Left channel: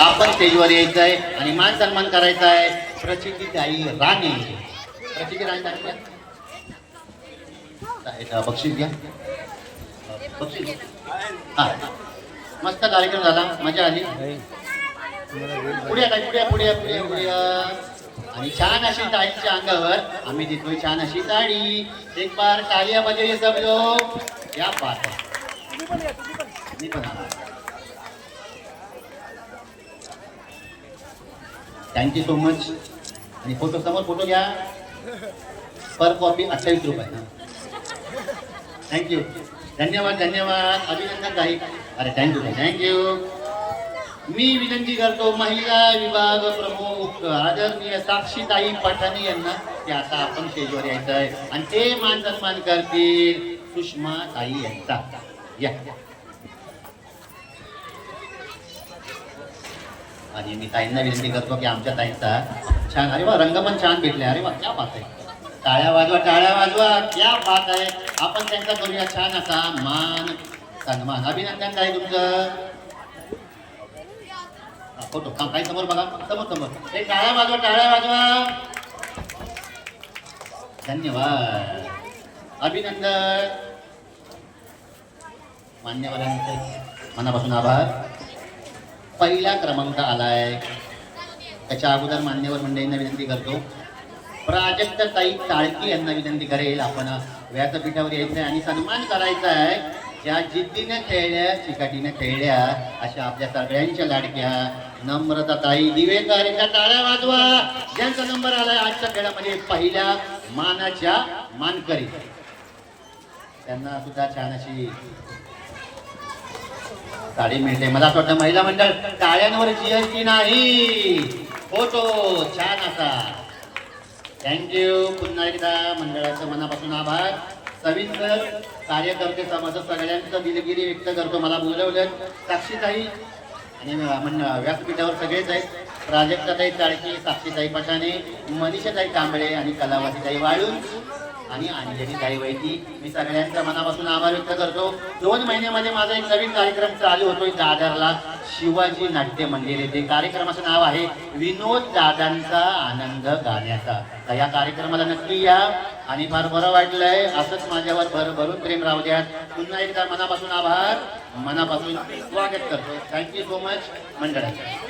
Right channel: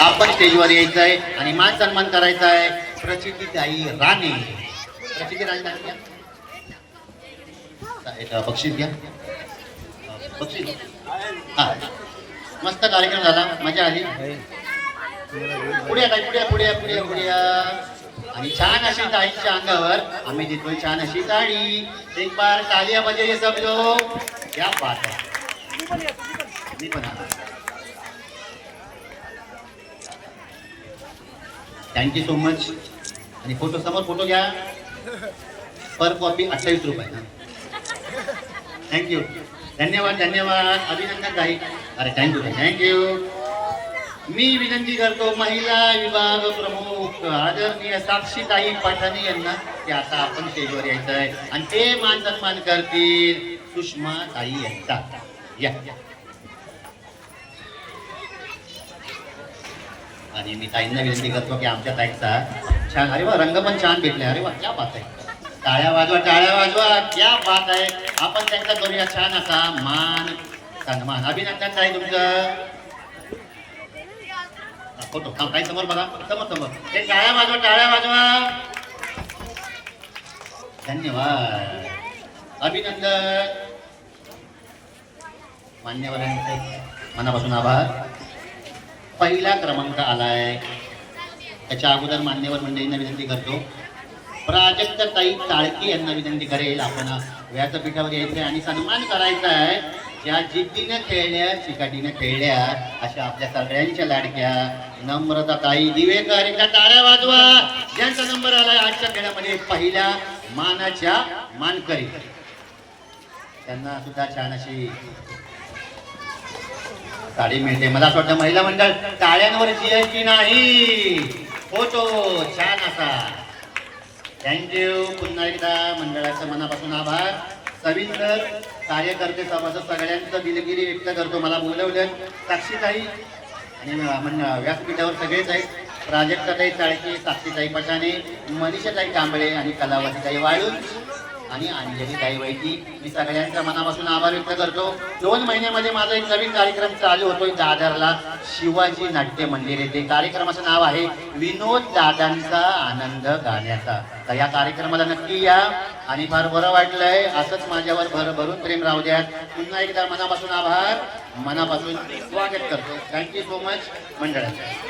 आपण स्टेजवर यायचं आहे आणि मान सन्मान करायचा आहे प्रचिती ताई राणी. प्रचिती राणी एक बक्षीस घ्या. बक्षीस. हां. मस्त कार्यक्रम झाला. मजा आली. पुढे काय पुढे पुढे पुढे पुढे. आणि छान अशी ताईंच्या अंगावर आम्ही देतोय छान अशी साडी. एक बार टालिया बजाइए सब लोग क्या बात मी पण आला. थँक्यू सो मच आणि फोटो समोर फोटो घ्या. पर कॉपी अठ्ठावीस रुपये. थँक्यू धन्यवाद धन्यवाद. अभिनंदन काही अरे थँक्यू थँक्यू मी विनंती करतो महिला विभाग प्रमुख आदरणीय साक्षीताई पठाणे यांना की आता आपण स्टेजवर यायचं आहे आणि ते मान सन्मान करतील सुषमा ताई यांचा. या. आणि मी ताईंना विनंती करतो की आमच्या ताईंचा छान अरे वा रंग पण छान भेटले. अरे वा क्या बात आहे. टाळ्या वाजवा टाळ्या वाजवा क्या बात आहे. आपण त्यांचा करूया छान असा मान सन्मान. अभिनंदन ताई तुमचं. फोटो. थांब काही समोर बघा. समोर समोर. हे टाळ्या वाजवा टाळ्या वाजवा. धन्यवाद. अभिनंदन. मान्यवरांचे मनापासून आभार. पहिला क्रमांक आलाय. त्याच्या अगोदर मान्यवर मंडळींना विनंती करतो. प्राजक्त ताई टाळकी यांना विनंती करेल. आपण व्यासपीठावर यायचं आहे आणि सन्मान करायचा आहे ज्या जिद्दीनं खेळल्या चिकाटीनं खेळल्या अशा आपल्या सगळ्यांच्या लाडक्या नम्रता ताई दिवेकर एका टाळ्या वाजवा. ज्यांचा नंबर आलाय आजच्या खेळामध्ये पहिल्या मानाच्या मानकरी. त्यांना सुद्धा छान अशी साडी मिळते. मला असं वाटतं महिला मंडळ टाळ्यांवर की नाही. फोटो छान असा. थँक्यू पुन्हा एकदा मंडळाच्या मनापासून आभार. सविस्तर कार्यकर्ते समाज सगळ्यांचं दिलगिरी व्यक्त करतो. मला बोलवलं. साक्षीताई आणि मंड व्यासपीठावर सगळेच आहेत. प्राजक्ताताई चाळकी साक्षीताई पठाणे मनीषाताई कांबळे आणि कलावतीताई वाळून आणि अंजली ताई वैदी मी सगळ्यांचा मनापासून आभार व्यक्त करतो. दोन महिन्यामध्ये माझा एक नवीन कार्यक्रम चालू होतो दादरला. शिवाजी नाट्य मंदिर येथे. कार्यक्रमाचं नाव आहे विनोद दादांचा आनंद गाण्याचा. तर या कार्यक्रमाला नक्की या. आणि फार बरं वाटलंय असंच माझ्यावर भर भरून प्रेम राहू द्या. पुन्हा एकदा मनापासून आभार. मनापासून स्वागत करतो. थँक्यू सो मच मंडळाचा